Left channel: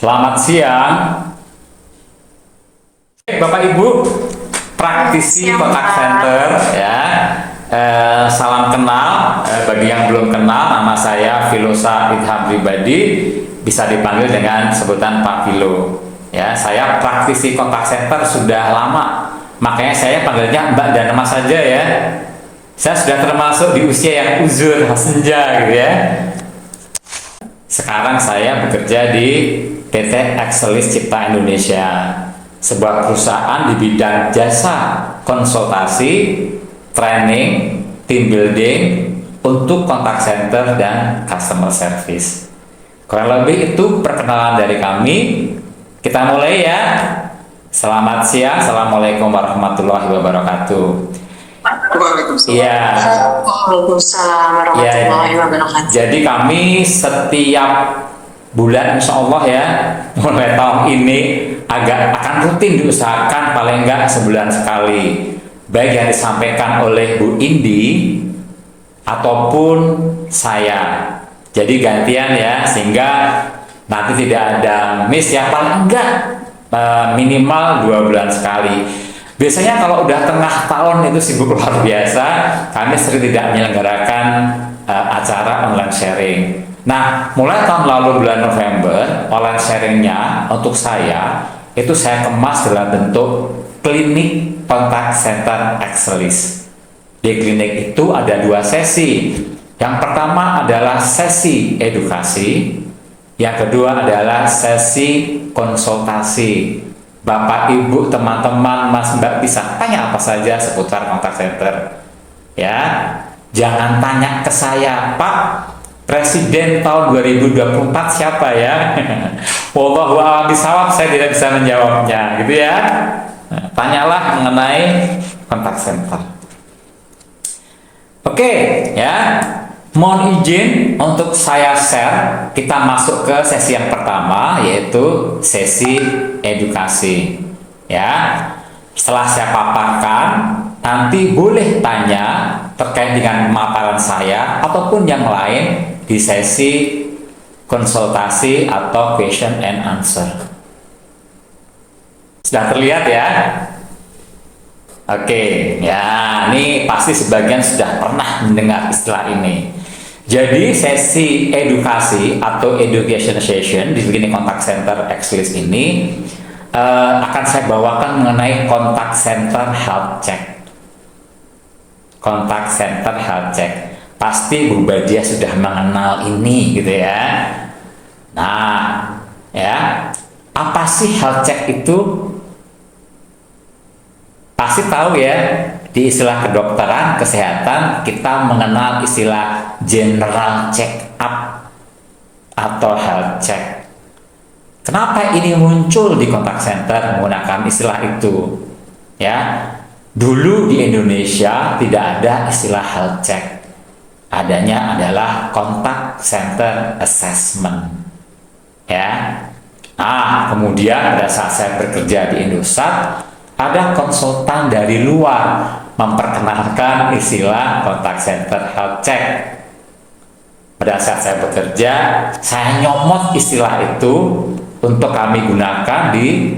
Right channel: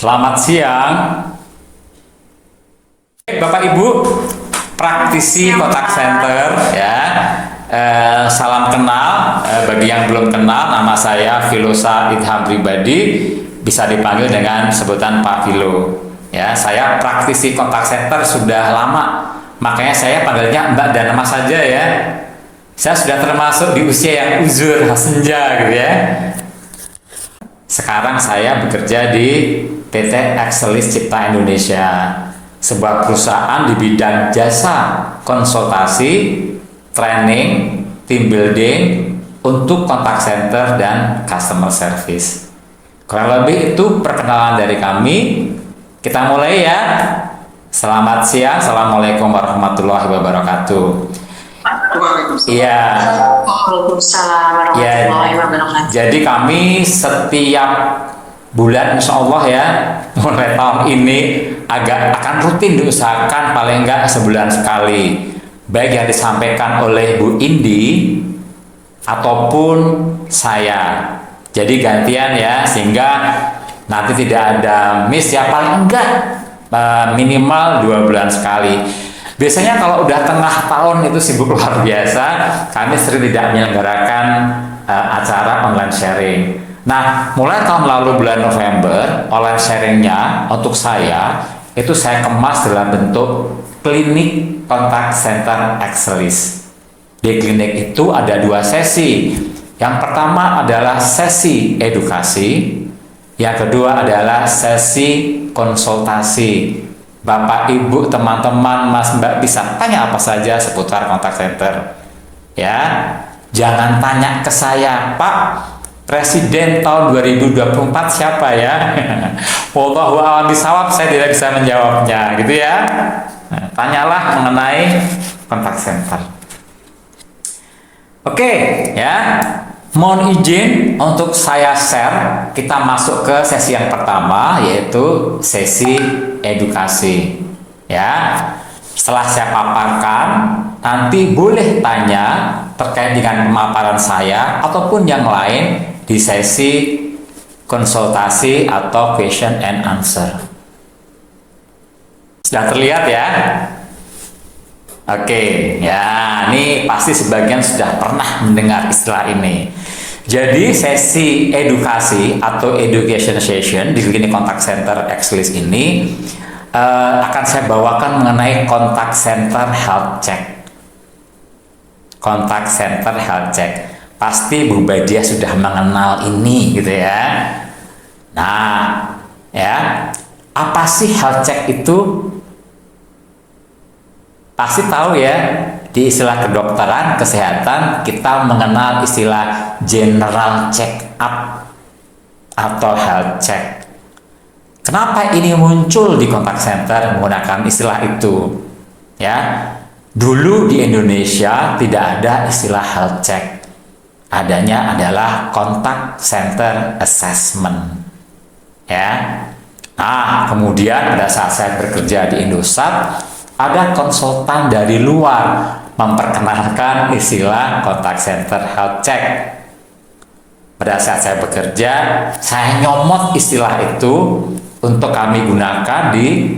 Selamat siang, Bapak Ibu, praktisi kontak center ya. Salam kenal, bagi yang belum kenal, nama saya Filosa Idham Pribadi, bisa dipanggil dengan sebutan Pak Filo. Ya, saya praktisi kontak center sudah lama, makanya saya panggilnya Mbak dan Mas saja ya. Saya sudah termasuk di usia yang uzur senja gitu ya. Sekarang saya bekerja di PT Excelis Cipta Indonesia, sebuah perusahaan di bidang jasa konsultasi, training, team building untuk kontak center dan customer service. Kurang lebih itu perkenalan dari kami. Kita mulai ya. Selamat siang, Assalamualaikum warahmatullahi wabarakatuh. Iya. Waalaikumsalam warahmatullahi wabarakatuh. Jadi kami setiap bulan insya Allah ya, mulai tahun ini akan rutin diusahakan paling enggak sebulan sekali, baik yang disampaikan oleh Bu Indi ataupun saya. Jadi gantian ya, sehingga nanti tidak ada miss ya, paling enggak minimal 2 bulan sekali. Biasanya kalau udah tengah tahun itu sibuk luar biasa, kami sering tidak menyelenggarakan acara online sharing. Nah, mulai tahun lalu bulan November, online sharingnya untuk saya, itu saya kemas dalam bentuk klinik kontak center Excelis. Di klinik itu ada 2 sesi. Yang pertama adalah sesi edukasi, yang kedua adalah sesi konsultasi. Bapak, Ibu, teman-teman, Mas, Mbak bisa tanya apa saja seputar kontak center. Ya, jangan tanya ke saya, Pak, Presiden tahun 2024 siapa ya? Wallahu a'lam bishawab, saya tidak bisa menjawabnya, gitu ya. Nah, tanyalah mengenai kontak center. Oke, ya. Mohon izin untuk saya share, kita masuk ke sesi yang pertama, yaitu sesi edukasi. Ya, setelah saya paparkan, nanti boleh tanya terkait dengan pemaparan saya ataupun yang lain di sesi konsultasi atau question and answer. Sudah terlihat ya? Oke, ya, ini pasti sebagian sudah pernah mendengar istilah ini. Jadi sesi edukasi atau education session di klinik kontak center Excelis ini akan saya bawakan mengenai kontak center health check. Kontak center health check. Pasti Bu Badia sudah mengenal ini gitu ya. Nah, ya, apa sih health check itu? Pasti tahu ya, di istilah kedokteran kesehatan kita mengenal istilah general check up atau health check. Kenapa ini muncul di kontak center menggunakan istilah itu? Ya, dulu di Indonesia tidak ada istilah health check. Adanya adalah kontak center assessment. Ya. Nah, kemudian pada saat saya bekerja di Indosat, ada konsultan dari luar memperkenalkan istilah kontak center health check. Pada saat saya bekerja, saya nyomot istilah itu untuk kami gunakan di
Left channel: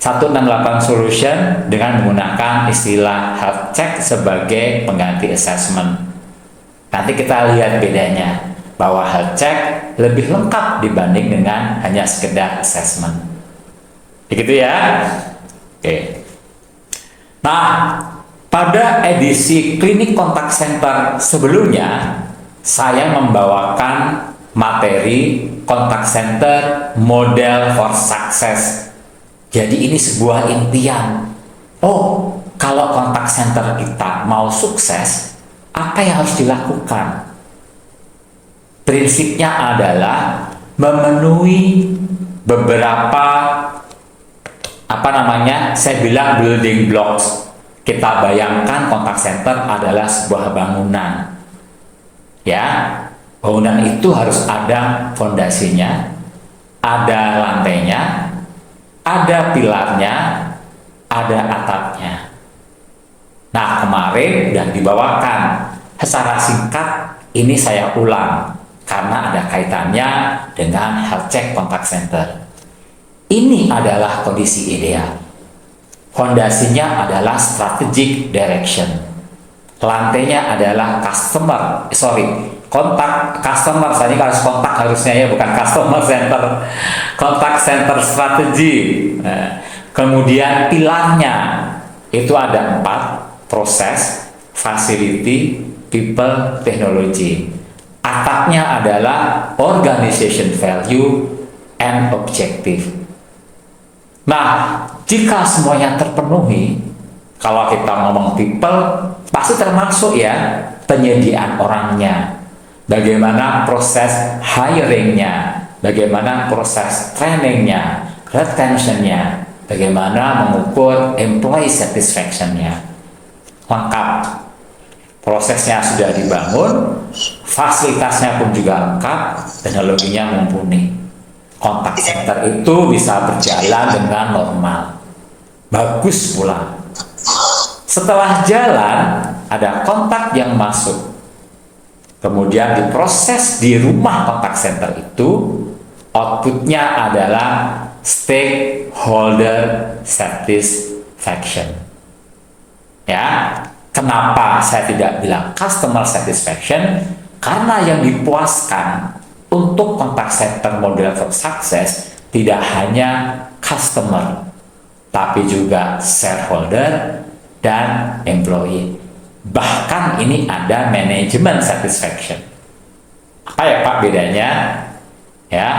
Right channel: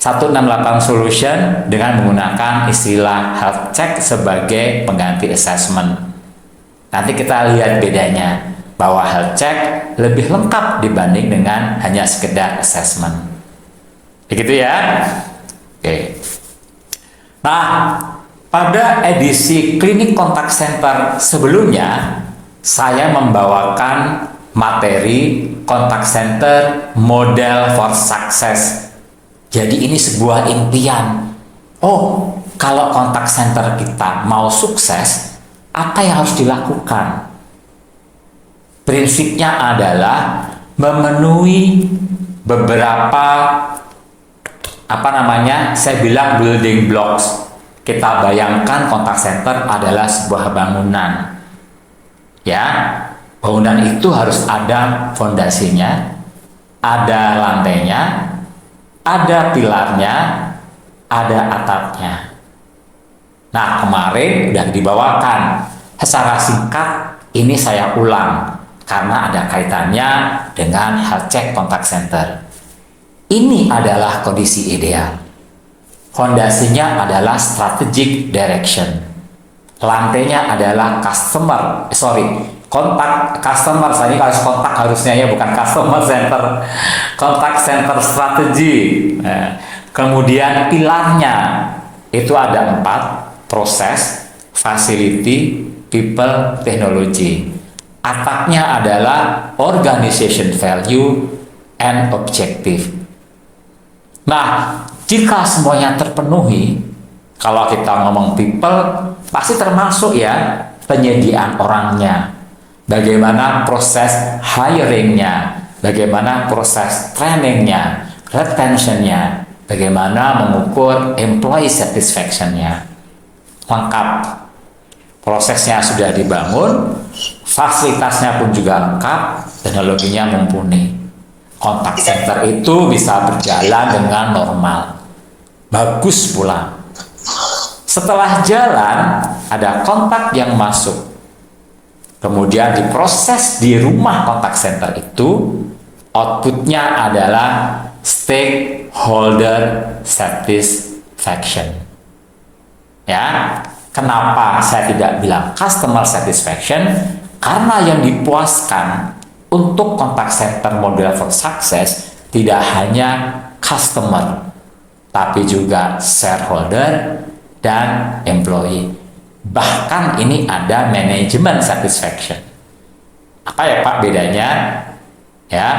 168 Solution dengan menggunakan istilah health check sebagai pengganti assessment. Nanti kita lihat bedanya, bahwa health check lebih lengkap dibanding dengan hanya sekedar assessment. Begitu ya? Oke. Nah, pada edisi klinik kontak center sebelumnya, saya membawakan materi kontak center model for success. Jadi ini sebuah impian. Oh, kalau kontak center kita mau sukses, apa yang harus dilakukan? Prinsipnya adalah memenuhi beberapa saya bilang building blocks. Kita bayangkan kontak center adalah sebuah bangunan. Ya, bangunan itu harus ada fondasinya, ada lantainya, ada pilarnya, ada atapnya. Nah, kemarin sudah dibawakan secara singkat, ini saya ulang karena ada kaitannya dengan health check kontak center. Ini adalah kondisi ideal. Fondasinya adalah strategic direction. Lantainya adalah kontak customer. Tadi harus kontak harusnya ya, bukan customer center. Kontak center strategi. Nah, kemudian pilarnya itu ada 4: proses, facility, people, technology. Atapnya adalah organization value and objective. Nah, jika semuanya terpenuhi, kalau kita ngomong people, pasti termasuk ya penyediaan orangnya, bagaimana proses hiringnya, bagaimana proses trainingnya, retentionnya, bagaimana mengukur employee satisfactionnya. Lengkap. Prosesnya sudah dibangun, fasilitasnya pun juga lengkap, teknologinya mumpuni. Kontak center itu bisa berjalan dengan normal. Bagus pula. Setelah jalan, ada kontak yang masuk. Kemudian diproses di rumah kontak center itu, outputnya adalah stakeholder satisfaction. Ya, kenapa saya tidak bilang customer satisfaction? Karena yang dipuaskan untuk kontak center model for success tidak hanya customer, tapi juga shareholder dan employee. Bahkan ini ada manajemen satisfaction. Apa ya Pak bedanya? Ya,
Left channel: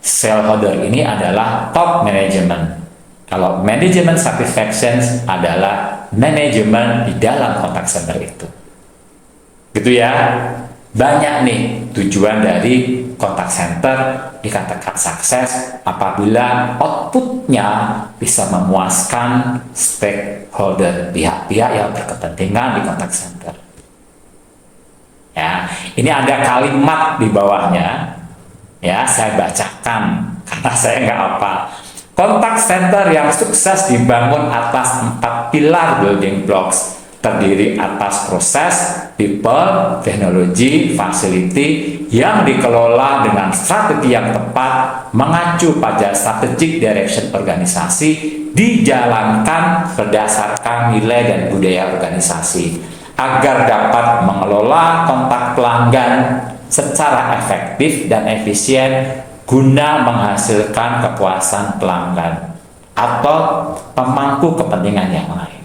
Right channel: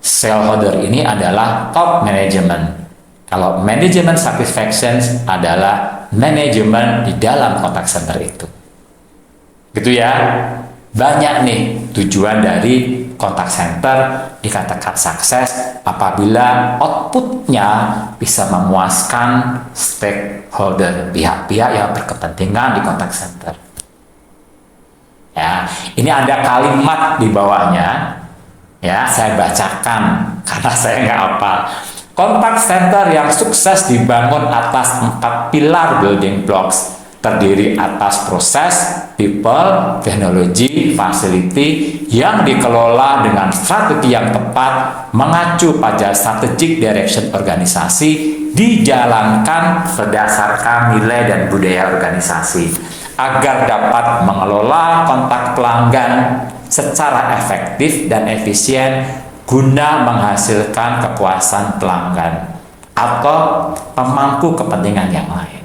shareholder ini adalah top management. Kalau manajemen satisfaction adalah manajemen di dalam kontak center itu. Gitu ya. Banyak nih tujuan dari kontak center dikatakan sukses apabila outputnya bisa memuaskan stakeholder, pihak-pihak yang berkepentingan di kontak center. Ya, ini ada kalimat di bawahnya. Ya, saya bacakan karena saya nggak hafal. Kontak center yang sukses dibangun atas 4 pilar building blocks, terdiri atas proses, people, teknologi, facility yang dikelola dengan strategi yang tepat, mengacu pada strategic direction organisasi, dijalankan berdasarkan nilai dan budaya organisasi, agar dapat mengelola kontak pelanggan secara efektif dan efisien guna menghasilkan kepuasan pelanggan atau pemangku kepentingan yang lain.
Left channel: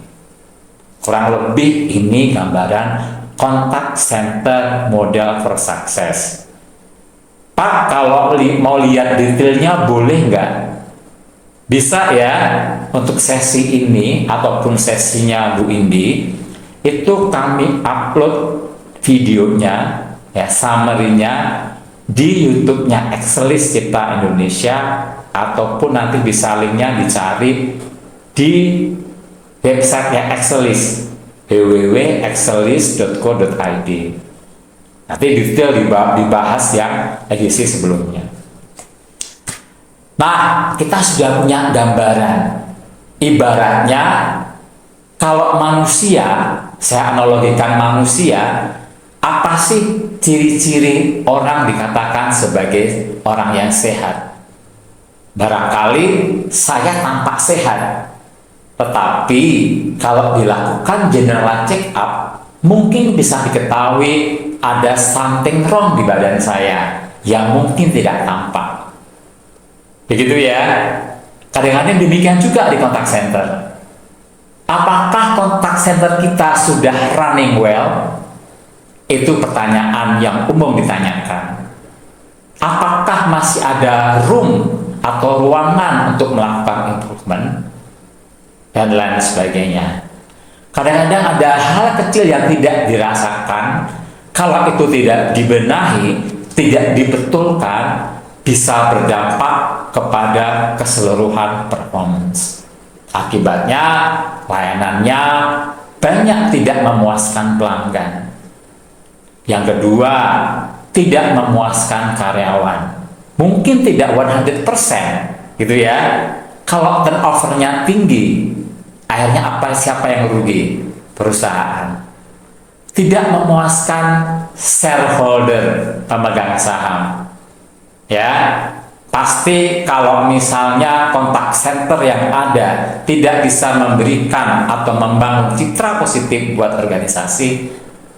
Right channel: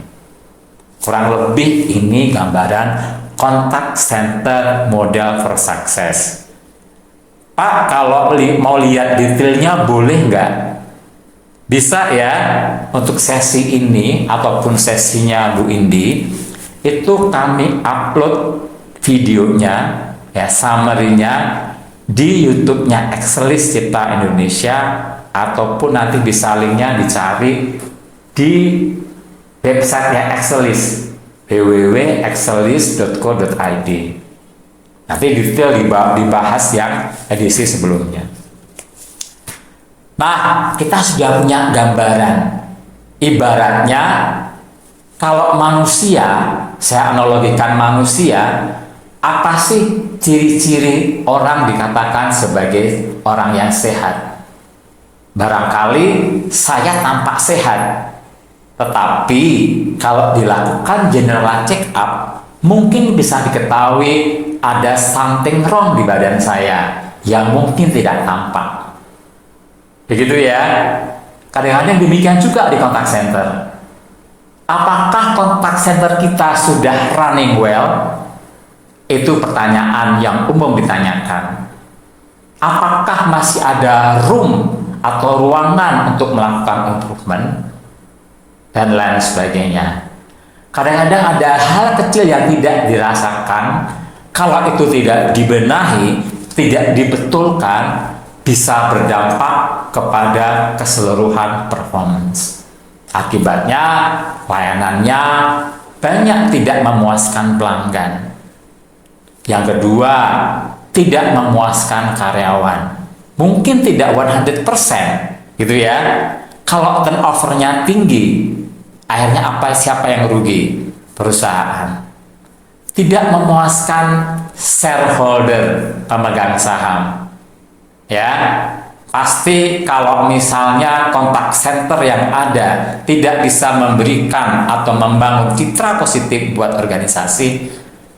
Kurang lebih ini gambaran kontak center model for success. Pak, kalau mau lihat detailnya boleh nggak? Bisa ya, untuk sesi ini ataupun sesinya Bu Indi, itu kami upload videonya, ya summary-nya di YouTube-nya Excelis Cipta Indonesia, ataupun nanti bisa linknya dicari di websitenya Excelis, www.excelis.co.id. Nanti detail dibahas yang edisi sebelumnya. Nah, kita sudah punya gambaran. Ibaratnya kalau manusia, saya analogikan manusia, apa sih ciri-ciri orang dikatakan sebagai orang yang sehat? Barangkali saya tampak sehat, tetapi kalau dilakukan general check up, mungkin bisa diketahui ada something wrong di badan saya yang mungkin tidak tampak. Begitu ya. Kadang-kadang demikian juga di kontak center. Apakah kontak center kita sudah running well? Itu pertanyaan yang umum ditanyakan. Apakah masih ada room atau ruangan untuk melakukan improvement? Dan lain sebagainya. Kadang-kadang ada hal kecil yang tidak dirasakan, kalau itu tidak dibenahi, tidak dibetulkan, bisa berdampak kepada keseluruhan performance. Akibatnya, layanannya banyak tidak memuaskan pelanggan. Yang kedua, tidak memuaskan karyawan. Mungkin tidak 100%, gitu ya. Kalau turnover-nya tinggi, akhirnya siapa yang rugi? Perusahaan. Tidak memuaskan shareholder, pemegang saham. Ya. Pasti kalau misalnya kontak center yang ada tidak bisa memberikan atau membangun citra positif buat organisasi,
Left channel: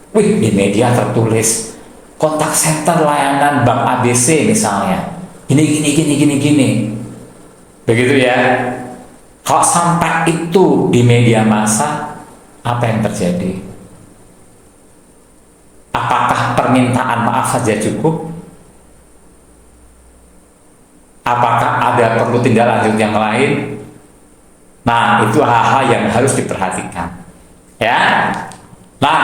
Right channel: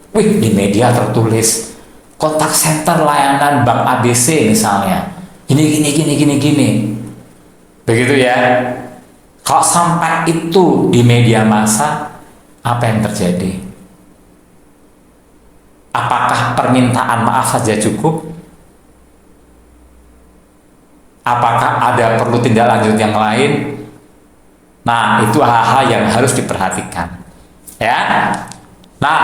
di media tertulis kontak center layanan Bank ABC misalnya, gini. Begitu ya. Kalau sampai itu di media massa, apa yang terjadi? Apakah permintaan maaf saja cukup? Apakah ada perlu tindak lanjut yang lain? Nah, itu hal-hal yang harus diperhatikan. Ya. Nah,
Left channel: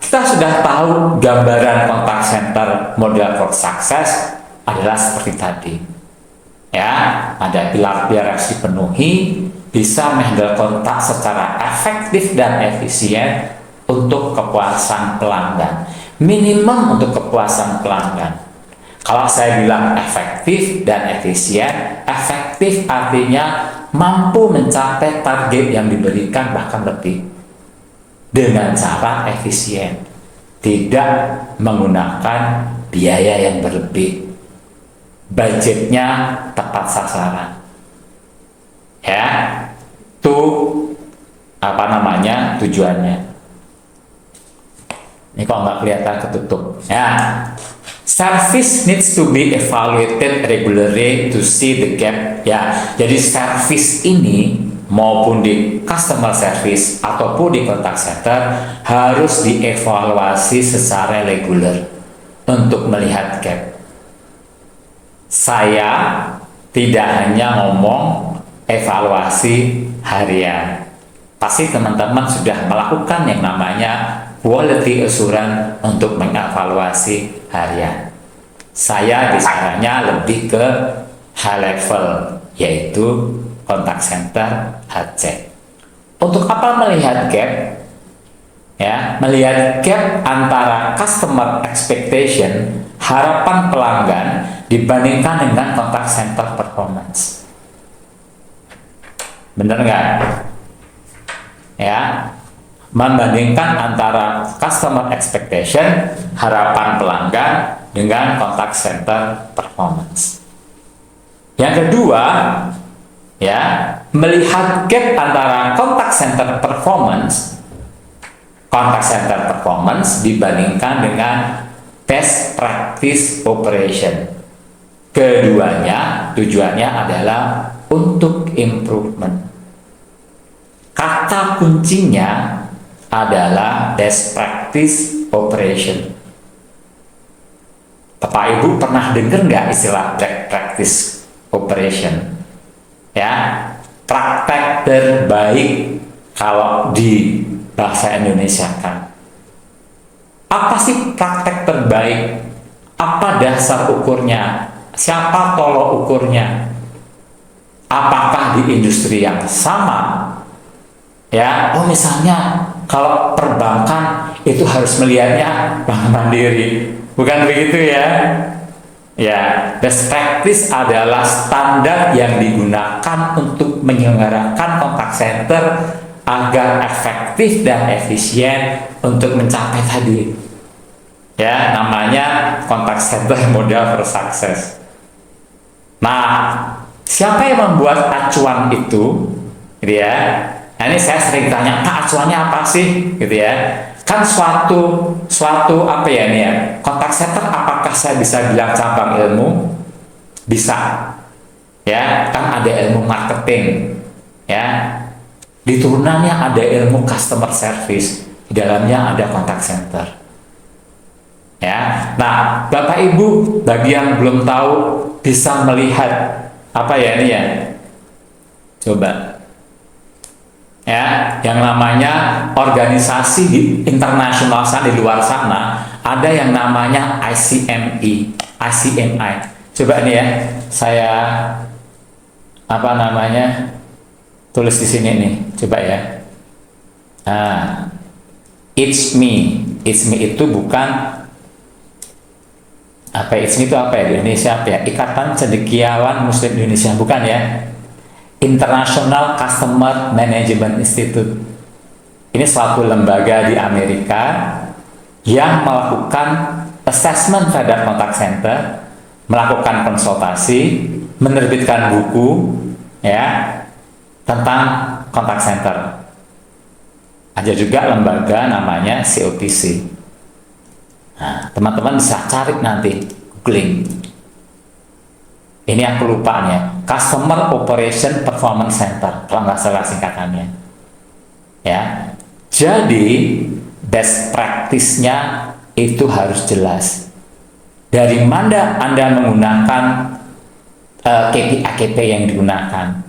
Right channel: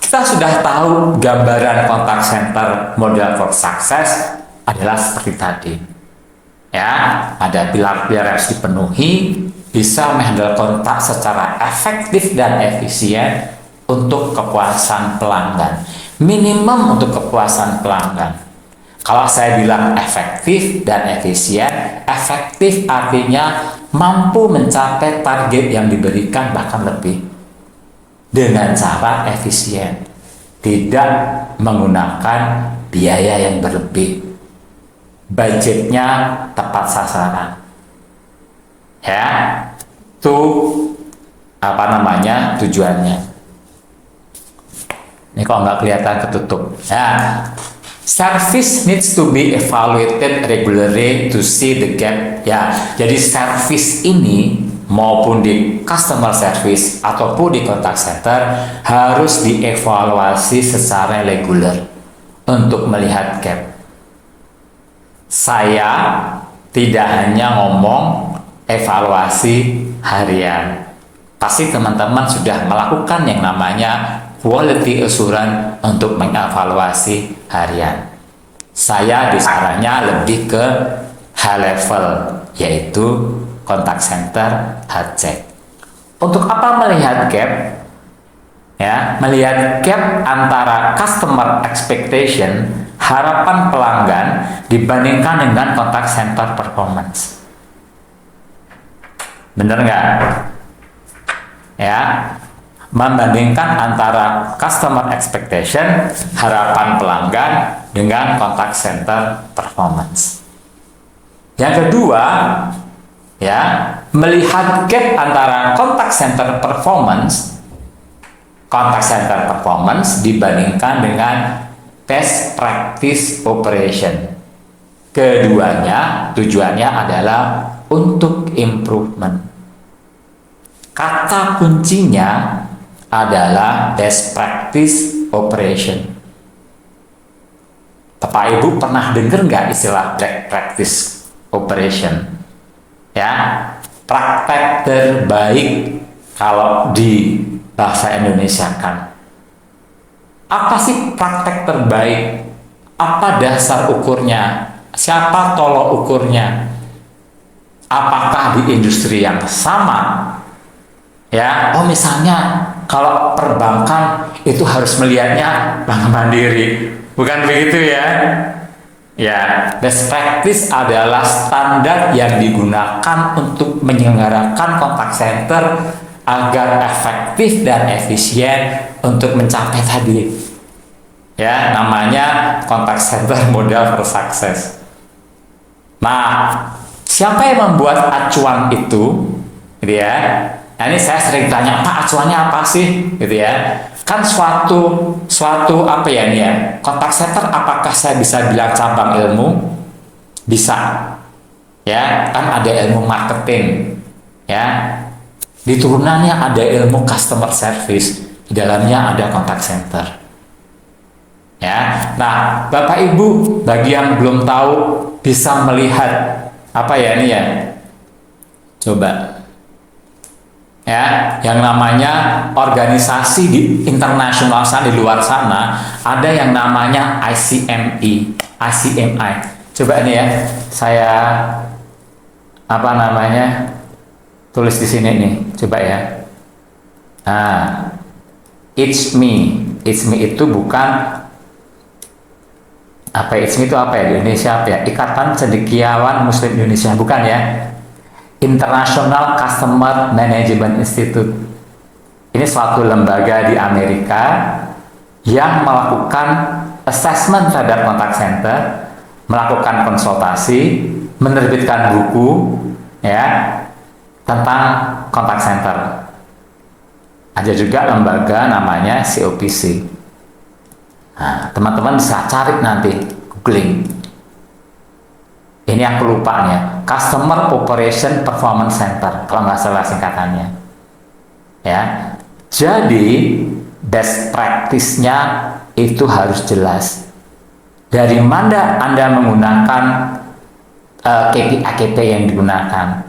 kita sudah tahu gambaran kontak center model for success adalah seperti tadi. Ya, ada pilar-pilar yang harus dipenuhi, bisa menghandle kontak secara efektif dan efisien untuk kepuasan pelanggan. Minimum untuk kepuasan pelanggan. Kalau saya bilang efektif dan efisien, efektif artinya mampu mencapai target yang diberikan bahkan lebih dengan cara efisien, tidak menggunakan biaya yang berlebih, budgetnya tepat sasaran. Ya, itu tujuannya. Ini kok nggak kelihatan ketutup. Ya. Service needs to be evaluated regularly to see the gap. Ya, jadi service ini maupun di customer service ataupun di contact center harus dievaluasi secara reguler untuk melihat gap. Saya tidak hanya ngomong evaluasi harian. Pasti teman-teman sudah melakukan yang namanya quality assurance untuk mengevaluasi harian. Saya bicaranya lebih ke high level, yaitu contact center health check. Untuk apa melihat gap? Ya, melihat gap antara customer expectation, harapan pelanggan dibandingkan dengan contact center performance. Bener nggak? Ya, membandingkan antara customer expectation, harapan pelanggan dengan contact center performance. Yang kedua, ya, melihat gap antara contact center performance dibandingkan dengan best practice operation. Keduanya tujuannya adalah untuk improvement. Kata kuncinya adalah best practice operation. Bapak Ibu pernah dengar nggak istilah best practice operation? Ya, praktek terbaik kalau di bahasa Indonesia kan. Apa sih praktek terbaik? Apa dasar ukurnya? Siapa tolok ukurnya? Apakah di industri yang sama? Ya, misalnya kalau perbankan itu harus melihatnya Bank Mandiri, bukan begitu ya? Ya, best practice adalah standar yang digunakan untuk menyelenggarakan contact center agar efektif dan efisien untuk mencapai tadi. Ya, namanya contact center model for success. Nah, siapa yang membuat acuan itu? Gitu ya. Nah, ini saya sering tanya, Pak, acuannya apa sih? Gitu ya. Kan suatu apa ya ini ya? Contact center apakah saya bisa bilang cabang ilmu? Bisa. Ya, kan ada ilmu marketing. Ya. Di turunannya ada ilmu customer service. Di dalamnya ada contact center. Ya. Nah, Bapak Ibu, bagi yang belum tahu bisa melihat apa ya ini ya? Coba. Ya, yang namanya organisasi di internasional sana, di luar sana ada yang namanya ICMI. Coba nih ya, saya tulis di sini nih, coba ya. Nah, it's me itu bukan it's me itu apa ya di Indonesia apa ya? Ikatan Cendekiawan Muslim Indonesia, bukan ya? International Customer Management Institute. Ini suatu lembaga di Amerika yang melakukan assessment terhadap contact center, melakukan konsultasi, menerbitkan buku ya tentang contact center. Ada juga lembaga namanya COPC. Nah, teman-teman bisa cari nanti, googling. Ini aku lupa nih ya, Customer Operation Performance Center, kalau nggak salah singkatannya. Ya, jadi best practice-nya itu harus jelas. Dari mana Anda menggunakan KPI yang digunakan?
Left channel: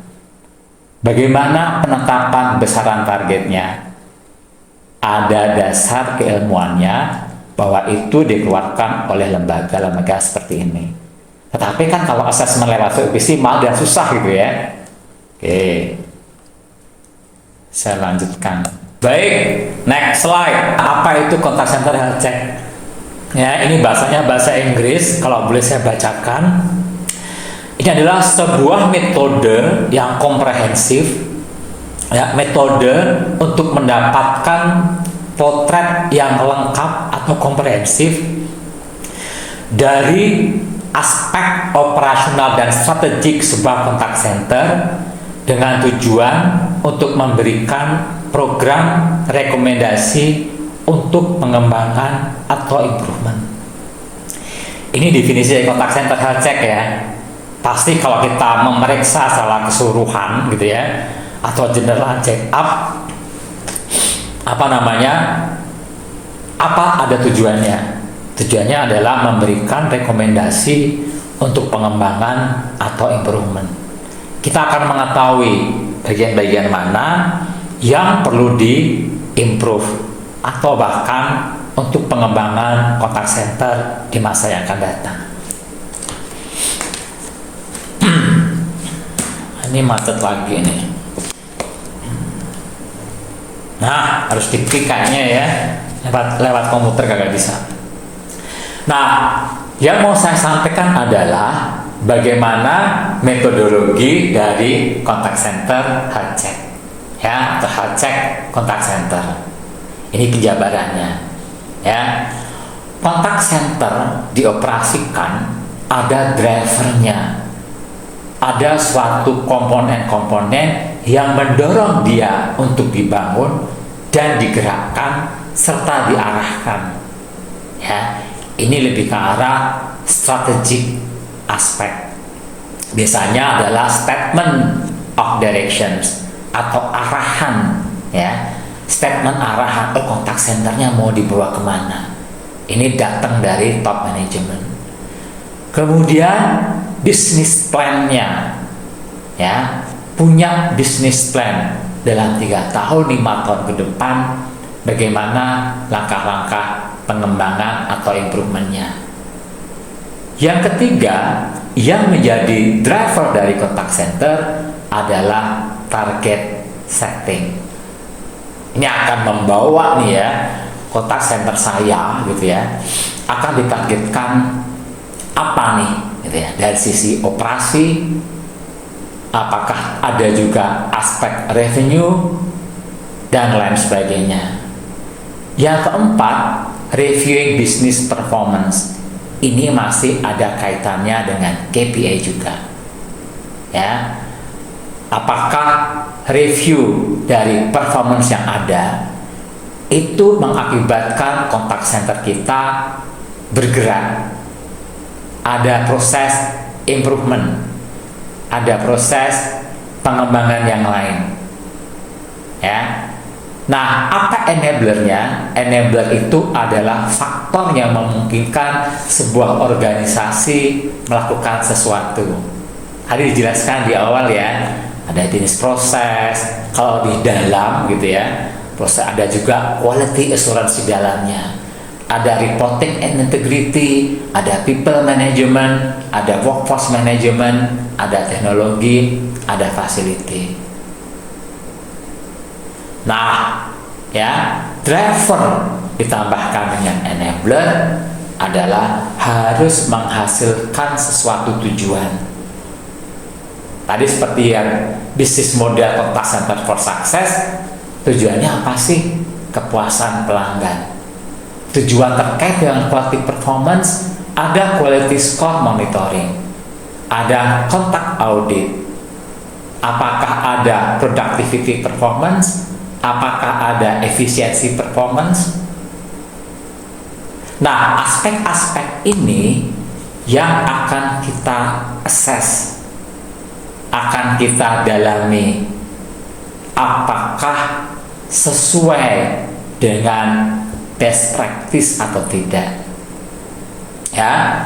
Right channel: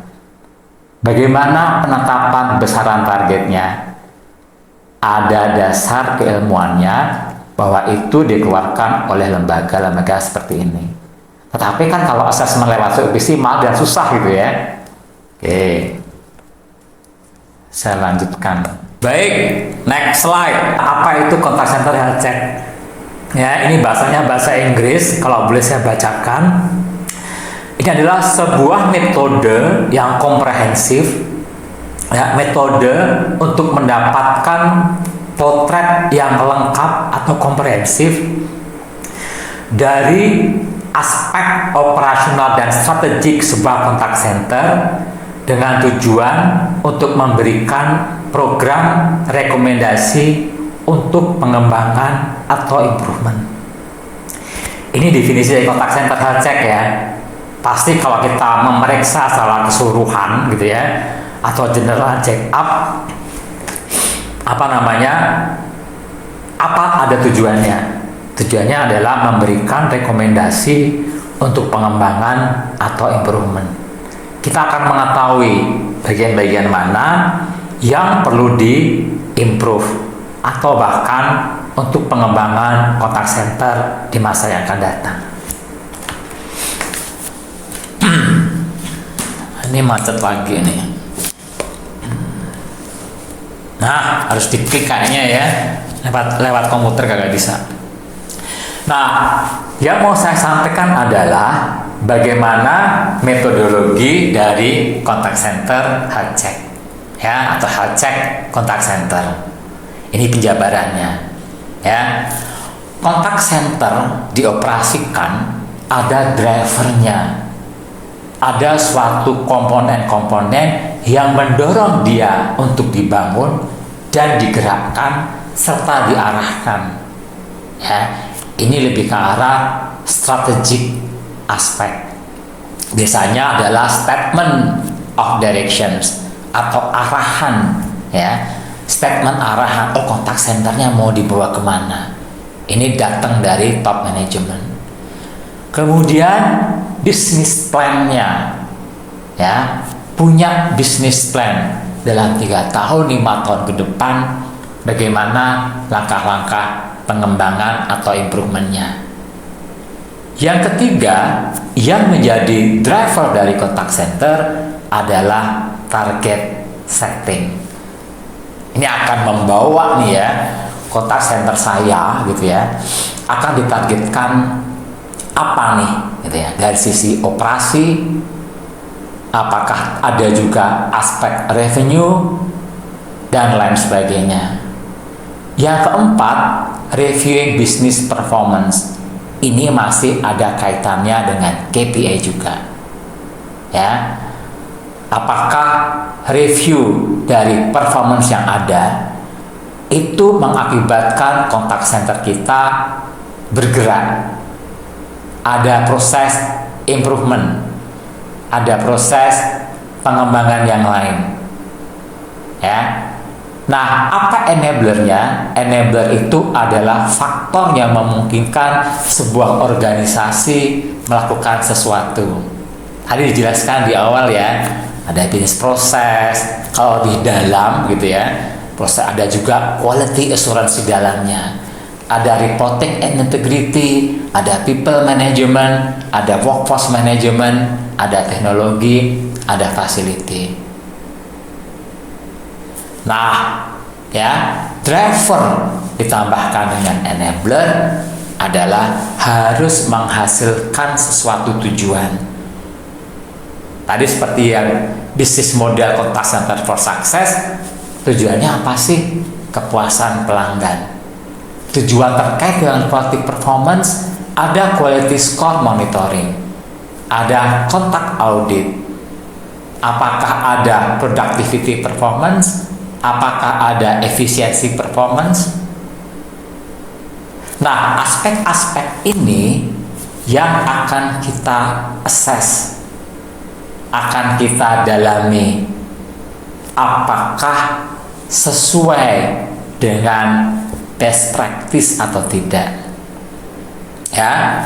Bagaimana penetapan besaran targetnya? Ada dasar keilmuannya bahwa itu dikeluarkan oleh lembaga-lembaga seperti ini. Tetapi kan kalau asesmen lewat COPC malah dan susah gitu ya. Oke, saya lanjutkan. Baik, next slide. Apa itu contact center health check? Ya, ini bahasanya bahasa Inggris. Kalau boleh saya bacakan. Ini adalah sebuah metode yang komprehensif, ya, metode untuk mendapatkan potret yang lengkap atau komprehensif dari aspek operasional dan strategik sebuah contact center dengan tujuan untuk memberikan program rekomendasi untuk pengembangan atau improvement. Ini definisi dari contact center health check ya. Pasti kalau kita memeriksa secara keseluruhan gitu ya, atau general check up, apa ada tujuannya? Tujuannya adalah memberikan rekomendasi untuk pengembangan atau improvement. Kita akan mengetahui bagian-bagian mana yang perlu di-improve atau bahkan untuk pengembangan contact center di masa yang akan datang. Ini macet lagi nih. Nah, harus diklik kayaknya ya. Lewat komputer kagak bisa. Nah, yang mau saya sampaikan adalah bagaimana metodologi dari contact center health check, ya, atau health check contact center. Ini penjabarannya, ya. Contact center dioperasikan, ada drivernya, ada suatu komponen-komponen yang mendorong dia untuk dibangun dan digerakkan serta diarahkan, ya. Ini lebih ke arah strategic aspek. Biasanya adalah statement of directions atau arahan, ya. Statement arahan, contact centernya mau dibawa kemana. Ini datang dari top management. Kemudian bisnis plan-nya, ya, punya bisnis plan dalam 3 tahun, 5 tahun ke depan, bagaimana langkah-langkah pengembangan atau improvementnya. Yang ketiga, yang menjadi driver dari contact center adalah target setting. Ini akan membawa nih ya, contact center saya gitu ya, akan ditargetkan apa nih gitu ya, dari sisi operasi, apakah ada juga aspek revenue dan lain sebagainya. Yang keempat, reviewing business performance. Ini masih ada kaitannya dengan KPI juga, ya. Apakah review dari performance yang ada itu mengakibatkan contact center kita bergerak, ada proses improvement, ada proses pengembangan yang lain, ya. Nah, apa enablernya? Enabler itu adalah faktor yang memungkinkan sebuah organisasi melakukan sesuatu. Tadi dijelaskan di awal ya, ada bisnis proses, kalau di dalam gitu ya, proses ada juga quality assurance di dalamnya. Ada reporting and integrity, ada people management, ada workforce management, ada teknologi, ada facility. Nah, ya, driver ditambahkan dengan enabler adalah harus menghasilkan sesuatu tujuan. Tadi seperti yang bisnis model contact center for success, tujuannya apa sih? Kepuasan pelanggan. Tujuan terkait dengan quality performance, ada quality score monitoring, ada kontak audit. Apakah ada productivity performance? Apakah ada efisiensi performance? Nah, aspek-aspek ini yang akan kita assess, akan kita dalami. Apakah sesuai dengan best practice atau tidak? Ya,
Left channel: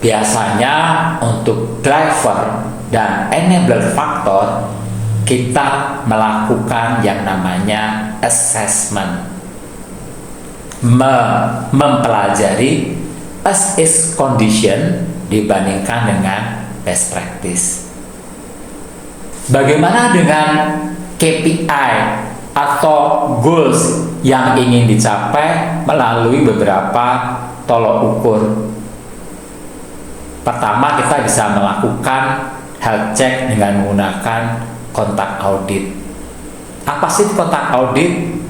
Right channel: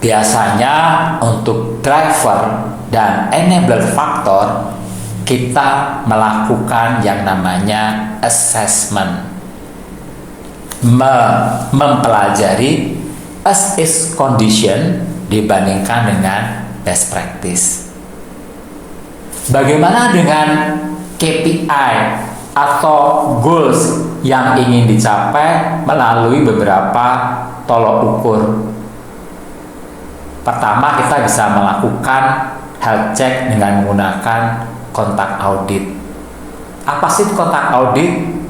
biasanya untuk driver dan enabler faktor kita melakukan yang namanya assessment, mempelajari as is condition dibandingkan dengan best practice. Bagaimana dengan KPI atau goals yang ingin dicapai melalui beberapa tolok ukur? Pertama, kita bisa melakukan health check dengan menggunakan kontak audit. Apa sih kontak audit?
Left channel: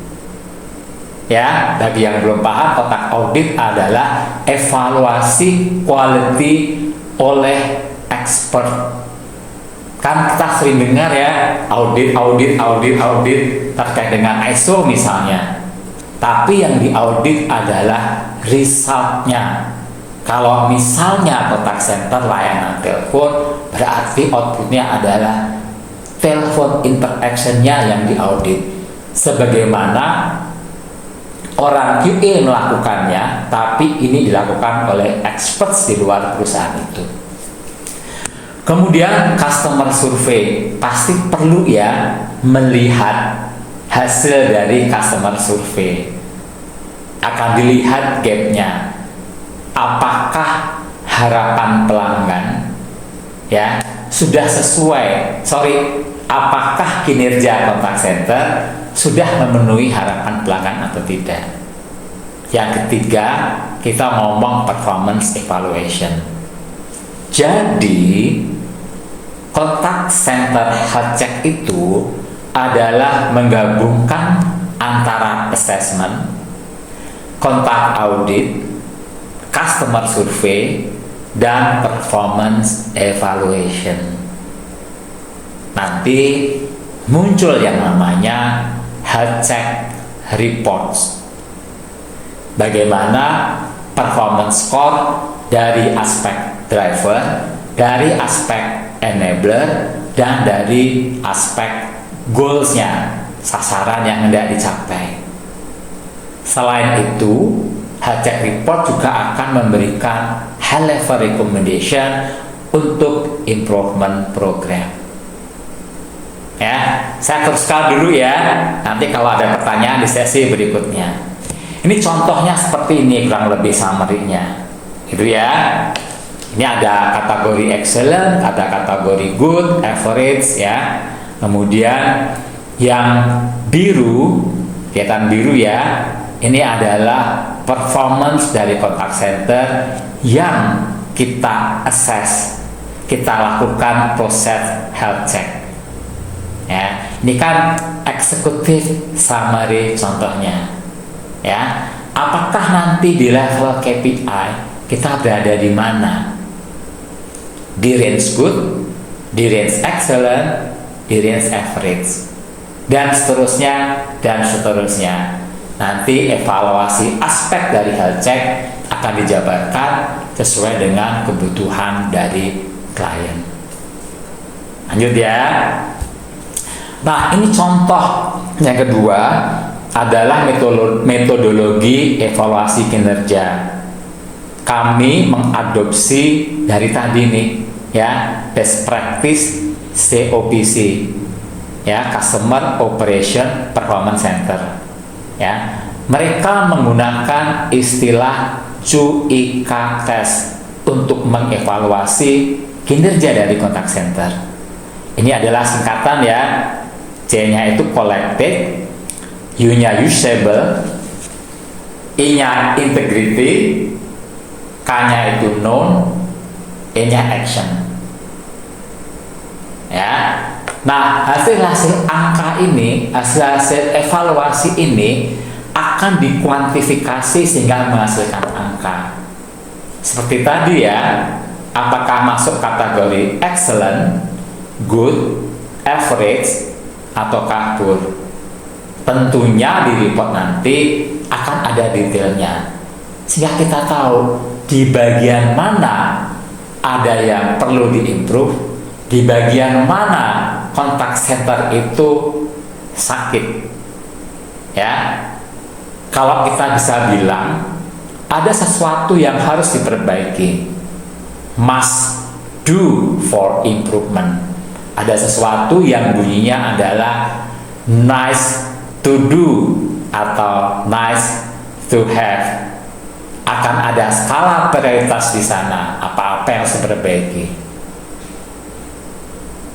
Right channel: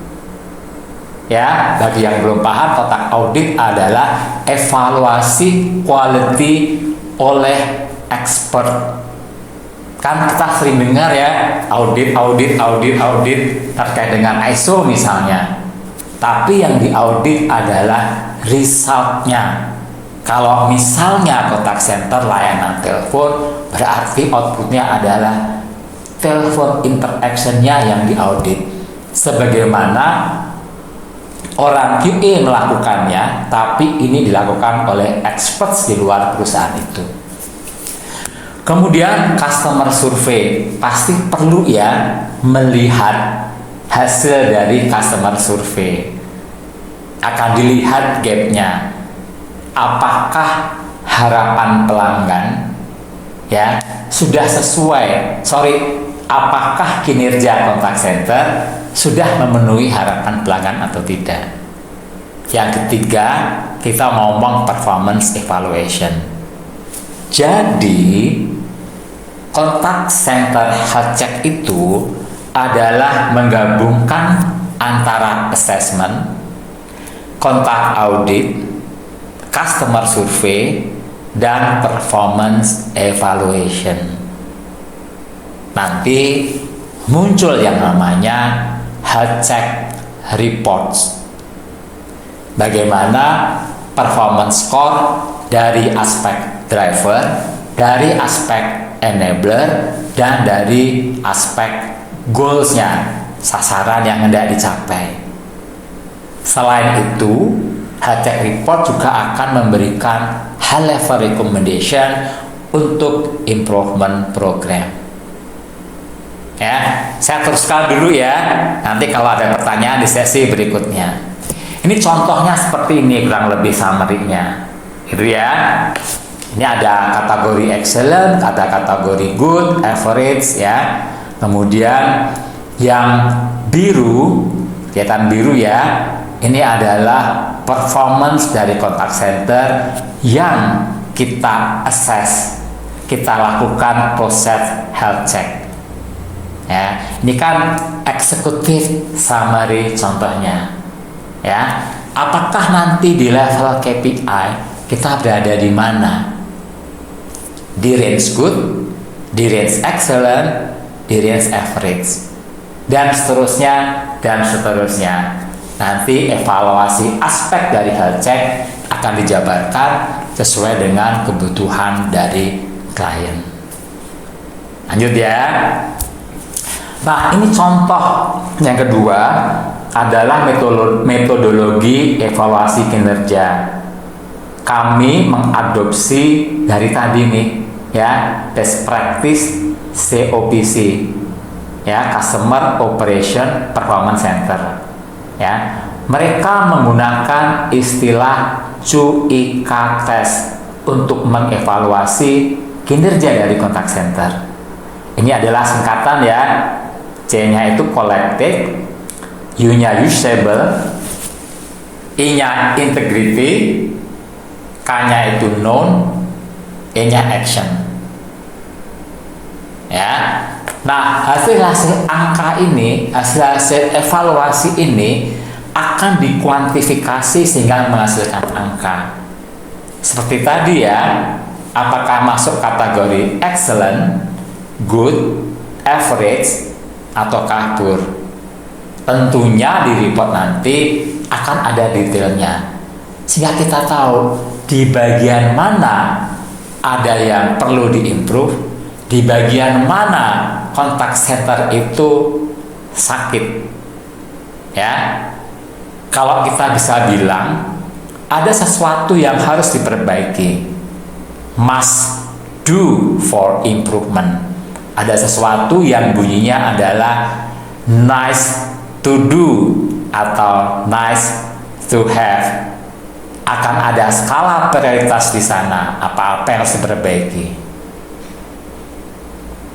Ya, bagi yang belum paham, kontak audit adalah evaluasi quality oleh expert. Kan kita sering dengar ya, audit terkait dengan ISO misalnya. Tapi yang diaudit adalah resultnya. Kalau misalnya kontak center layanan telepon, berarti outputnya adalah telepon interaction-nya yang diaudit. Sebagaimana orang QA melakukannya, tapi ini dilakukan oleh experts di luar perusahaan itu. Kemudian customer survey, pasti perlu ya melihat hasil dari customer survey. Akan dilihat gapnya. Apakah harapan pelanggan ya sudah sesuai, apakah kinerja kontak center sudah memenuhi harapan pelanggan atau tidak. Yang ketiga, kita ngomong performance evaluation. Jadi kontak center health check itu adalah menggabungkan antara assessment, kontak audit, customer survey, dan performance evaluation. Nanti muncul yang namanya health check reports. Bagaimana performance score dari aspek driver, dari aspek enabler, dan dari aspek goals-nya, sasaran yang hendak dicapai. Selain itu, health check report juga akan memberikan high level recommendation untuk improvement program. Ya, saya teruskan dulu ya. Nanti kalau ada pertanyaan di sesi berikutnya. Ini contohnya seperti ini, kurang lebih summary-nya. Gitu ya. Ini ada kategori excellent, ada kategori good, average ya. Kemudian yang biru, kelihatan biru ya. Ini adalah performance dari kontak center yang kita assess, kita lakukan proses health check. Ya, ini kan executive summary contohnya. Ya, apakah nanti di level KPI kita berada di mana? Di range good, di range excellent, di range average, dan seterusnya dan seterusnya. Nanti evaluasi aspek dari health check akan dijabarkan sesuai dengan kebutuhan dari klien. Lanjut ya. Nah, ini contoh yang kedua adalah metodologi evaluasi kinerja. Kami mengadopsi dari tadi nih ya, best practice COPC ya, Customer Operation Performance Center. Ya, mereka menggunakan istilah CUIK test untuk mengevaluasi kinerja dari kontak center. Ini adalah singkatan ya. C-nya itu collected, U-nya usable, I-nya integrity, K-nya itu known, E-nya action. Ya. Nah, hasil-hasil angka ini, hasil-hasil evaluasi ini akan dikuantifikasi sehingga menghasilkan angka. Seperti tadi ya, apakah masuk kategori excellent, good, average, ataukah poor. Tentunya di report nanti akan ada detailnya, sehingga kita tahu di bagian mana ada yang perlu diimprove, di bagian mana kontak center itu sakit. Ya, kalau kita bisa bilang ada sesuatu yang harus diperbaiki, must do for improvement. Ada sesuatu yang bunyinya adalah nice to do atau nice to have. Akan ada skala prioritas di sana, apa-apa yang harus diperbaiki.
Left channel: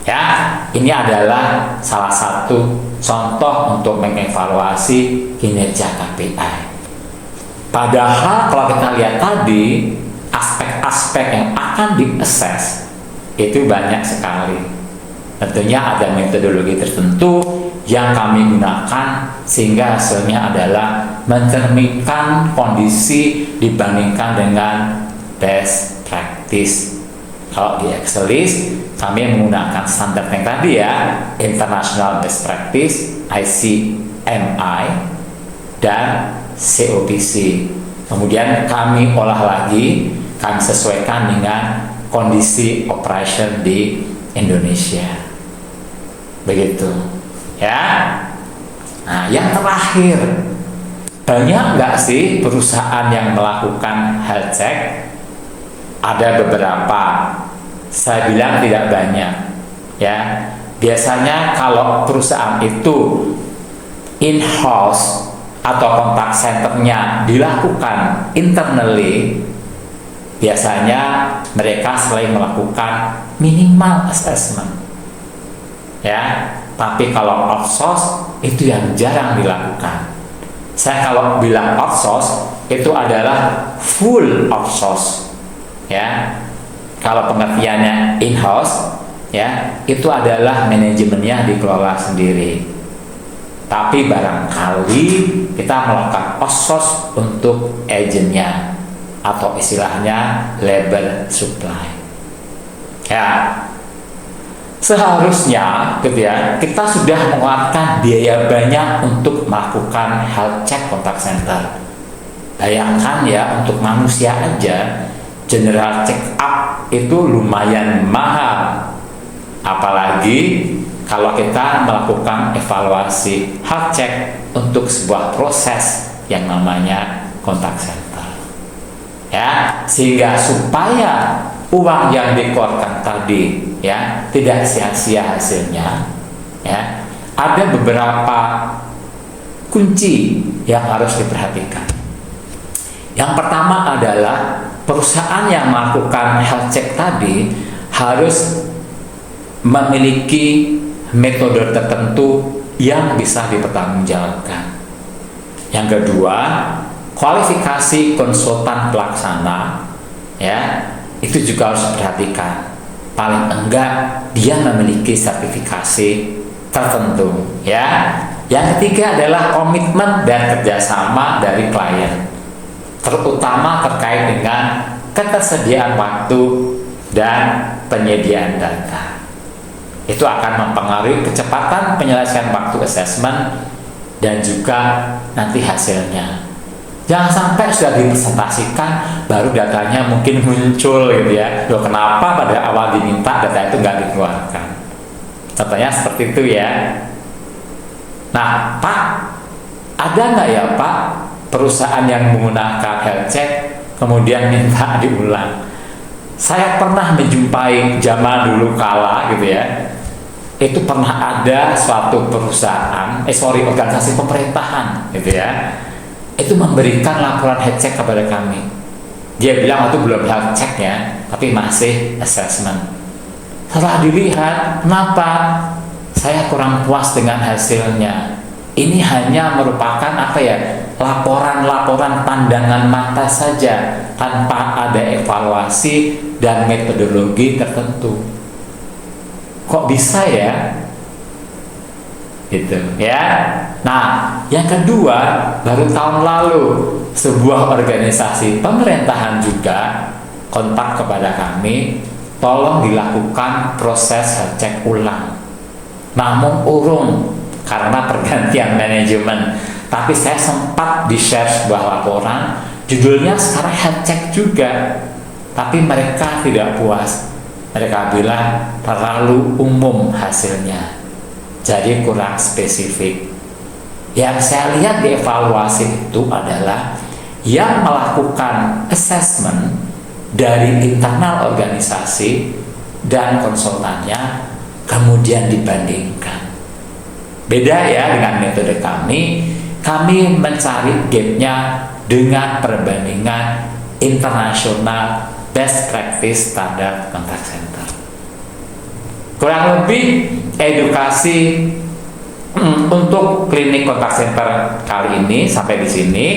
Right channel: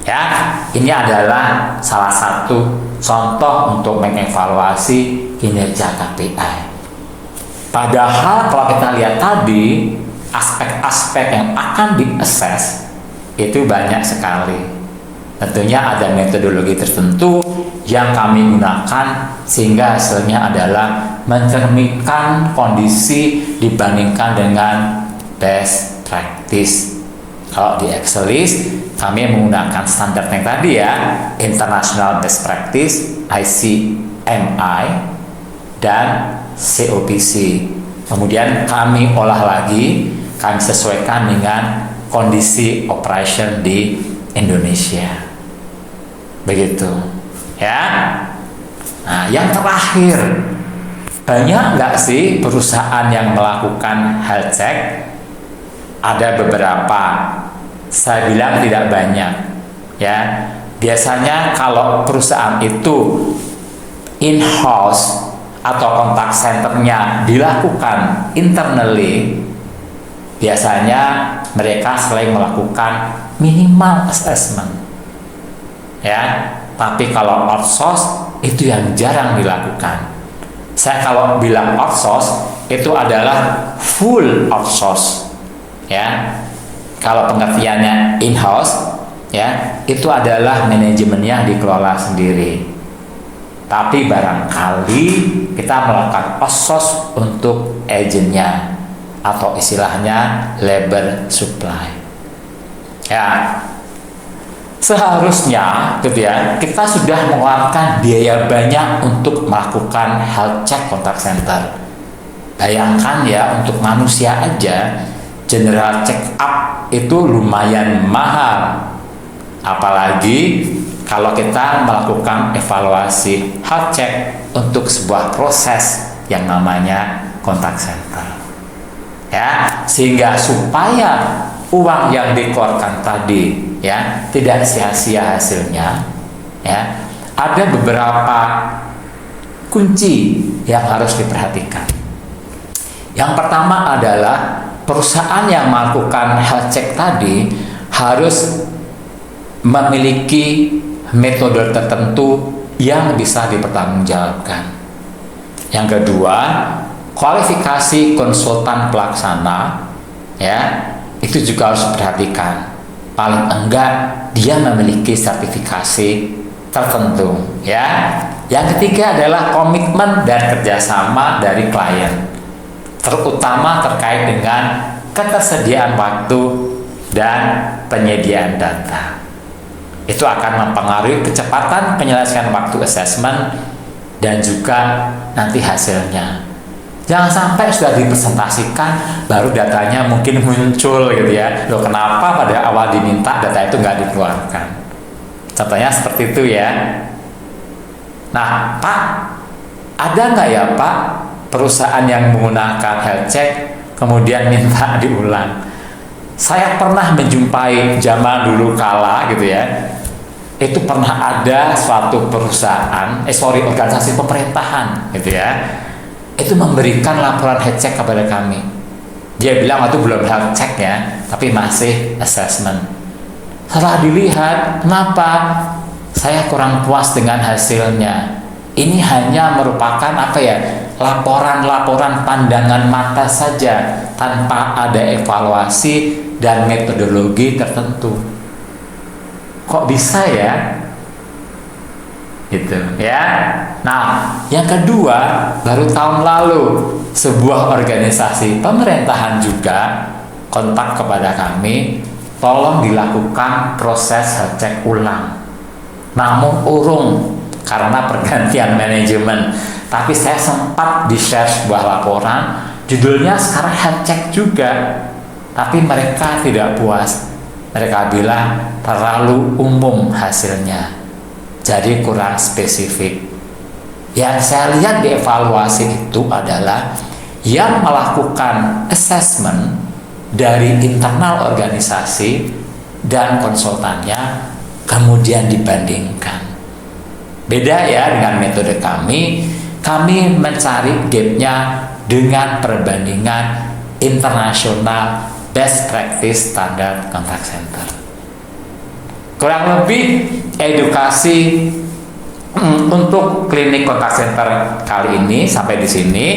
Ya, ini adalah salah satu contoh untuk mengevaluasi kinerja KPI. Padahal kalau kita lihat tadi, aspek-aspek yang akan di-assess itu banyak sekali. Tentunya ada metodologi tertentu yang kami gunakan sehingga hasilnya adalah mencerminkan kondisi dibandingkan dengan best practice. Kalau di Excelis kami menggunakan standar yang tadi ya, International Best Practice ICMI dan COPC. Kemudian kami olah lagi, kami sesuaikan dengan kondisi operation di Indonesia. Begitu ya. Nah, yang terakhir, banyak nggak sih perusahaan yang melakukan health check? Ada beberapa, saya bilang tidak banyak ya. Biasanya kalau perusahaan itu in-house atau kontak centernya dilakukan internally, biasanya mereka selain melakukan minimal assessment ya. Tapi kalau outsource itu yang jarang dilakukan. Saya kalau bilang outsource itu adalah full outsource ya. Kalau pengertiannya in-house ya, itu adalah manajemennya dikelola sendiri. Tapi barangkali kita melakukan outsource untuk agennya atau istilahnya labor supply. Ya, seharusnya gitu ya, kita sudah mengeluarkan biaya banyak untuk melakukan health check contact center. Bayangkan ya, untuk manusia aja general check up itu lumayan mahal. Apalagi kalau kita melakukan evaluasi health check untuk sebuah proses yang namanya contact center. Ya, sehingga supaya uang yang dikeluarkan tadi ya tidak sia-sia hasilnya ya, ada beberapa kunci yang harus diperhatikan. Yang pertama adalah perusahaan yang melakukan health check tadi harus memiliki metode tertentu yang bisa dipertanggungjawabkan. Yang kedua, kualifikasi konsultan pelaksana ya, itu juga harus diperhatikan. Paling enggak dia memiliki sertifikasi tertentu ya. Yang ketiga adalah komitmen dan kerjasama dari klien, terutama terkait dengan ketersediaan waktu dan penyediaan data. Itu akan mempengaruhi kecepatan penyelesaian waktu assessment dan juga nanti hasilnya. Jangan sampai sudah dipresentasikan baru datanya mungkin muncul gitu ya. Loh, kenapa pada awal diminta data itu nggak dikeluarkan? Contohnya seperti itu ya. Nah, Pak, ada nggak ya Pak perusahaan yang menggunakan health check kemudian minta diulang? Saya pernah menjumpai zaman dulu kala gitu ya. Itu pernah ada suatu perusahaan, organisasi pemerintahan gitu ya. Itu memberikan laporan health check kepada kami. Dia bilang itu belum health check ya, tapi masih assessment. Setelah dilihat, kenapa? Saya kurang puas dengan hasilnya. Ini hanya merupakan apa ya? Laporan-laporan pandangan mata saja tanpa ada evaluasi dan metodologi tertentu. Kok bisa ya? Gitu ya. Nah, yang kedua, baru tahun lalu sebuah organisasi pemerintahan juga kontak kepada kami, tolong dilakukan proses health check ulang. Namun urung karena pergantian manajemen. Tapi saya sempat di-share sebuah laporan, judulnya sekarang health check juga. Tapi mereka tidak puas. Mereka bilang terlalu umum hasilnya, jadi kurang spesifik. Yang saya lihat di evaluasi itu adalah yang melakukan assessment dari internal organisasi dan konsultannya kemudian dibandingkan. Beda ya dengan metode kami mencari gapnya dengan perbandingan internasional best practice standar contact center. Kurang lebih edukasi untuk klinik contact center kali ini sampai di sini.